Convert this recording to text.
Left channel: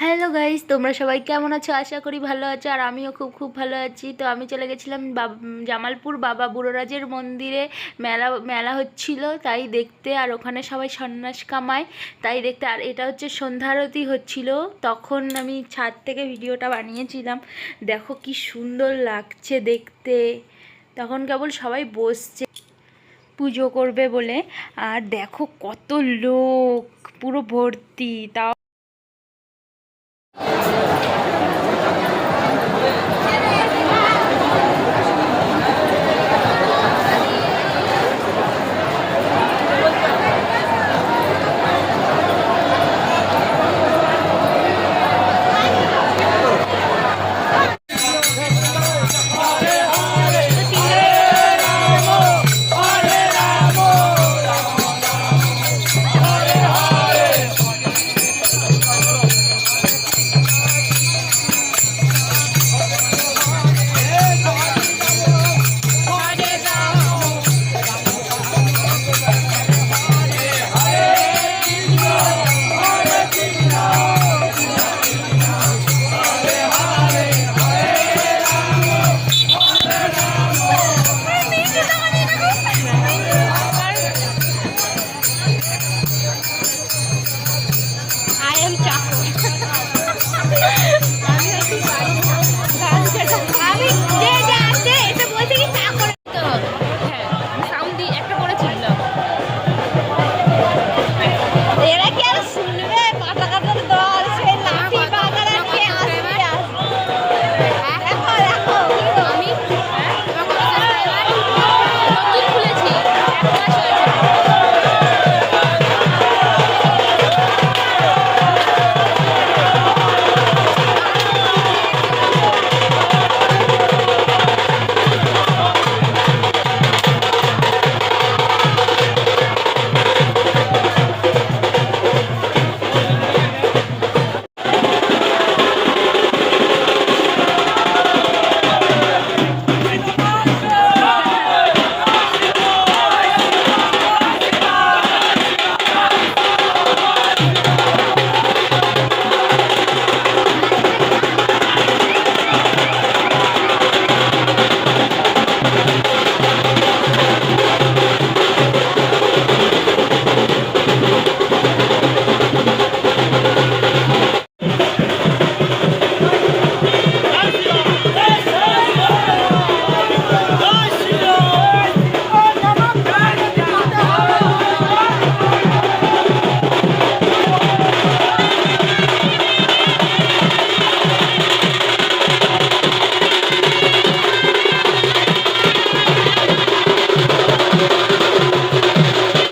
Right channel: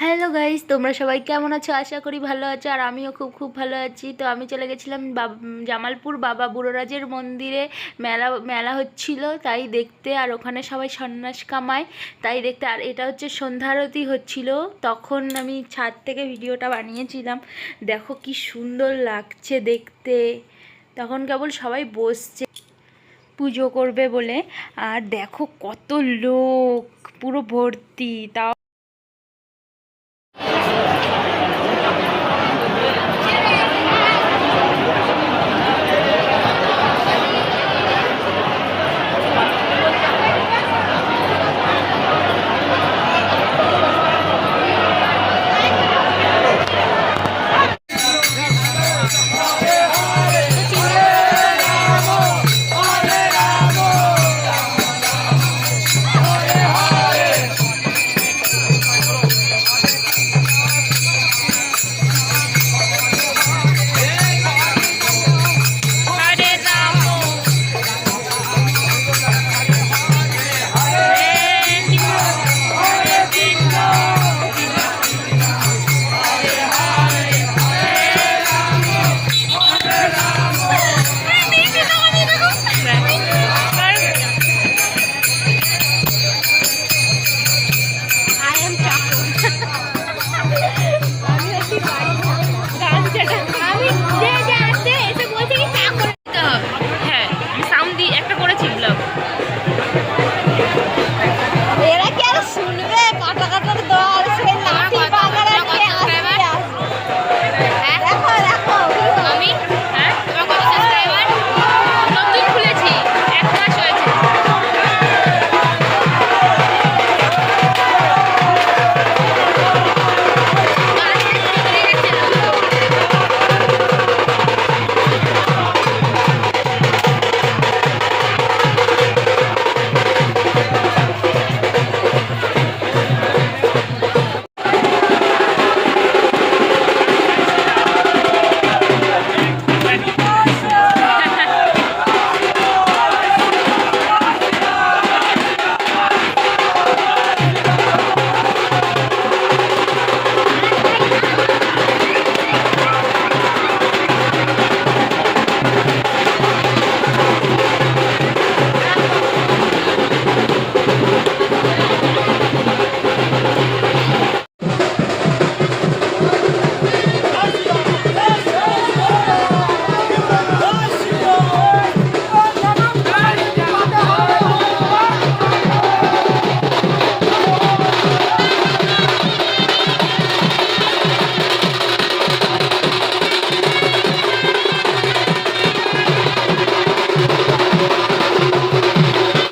Hello guys, তোমরা সবাই কেমন আছো? আশা করি ভালো আছো। আর আমিও খুব খুব ভালো আছি। তো আমি চলে গেছিলাম জামালপুর বাবা বুড়োরাজের মন্দিরে। মেলা মেলা হচ্ছিল তাই দেখতে, আর ওখানে সবাই সন্ন্যাস কামায় তাই দেখতে। আর এটা হচ্ছে সন্ধ্যা আরতি হচ্ছিল, তখন আমি ছাদ থেকে ভিডিওটা বানিয়েছিলাম। দেখো কি সুন্দর লাগছে দেখতে। তখন কেবল সবাই বসছে পুজো করবে বলে। আর দেখো কত লোক, পুরো ভর্তি। তাও I am Chaco.